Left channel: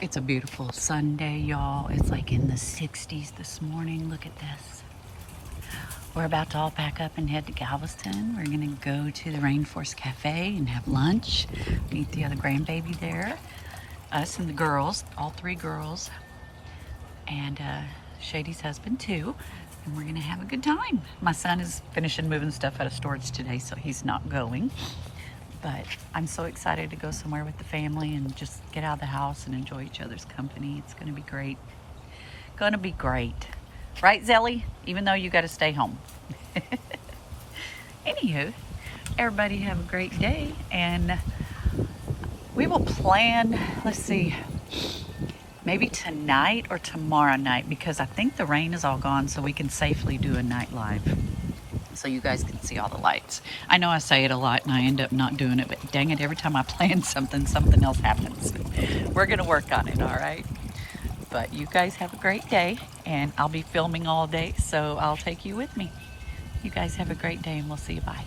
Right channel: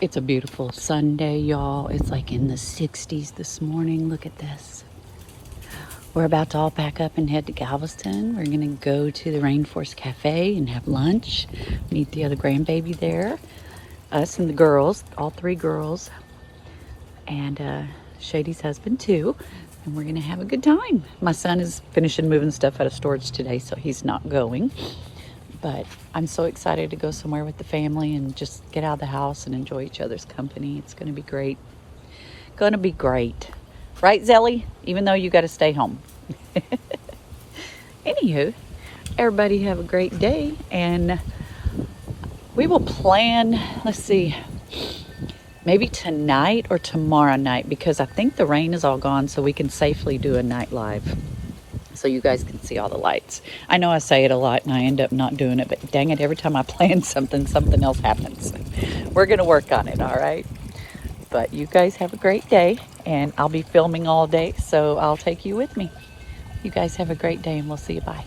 It's a beautiful Sunday, y'all. It's like in the 60s this morning. Look at this. We're about to all pack up and head to Galveston. We're going to go to the Rainforest Cafe and have lunch. Meet the other grandbaby there. Us and the girls, all three girls. And Shady's husband too. And we're going to have a good time. My son is finishing moving stuff out of storage today, so he's not going. But I'm so excited to go somewhere with the family and just get out of the house and enjoy each other's company. It's going to be great. Going to be great. Right, Zelly? Even though you got to stay home. Anywho, everybody have a great day. And we will plan, let's see, maybe tonight or tomorrow night, because I think the rain is all gone, so we can safely do a night live. So you guys can see all the lights. I know I say it a lot and I end up not doing it, but dang it, every time I plan something, something else happens. We're gonna work on it, all right? But you guys have a great day, and I'll be filming all day, so I'll take you with me. You guys have a great day, and we'll see you. Bye.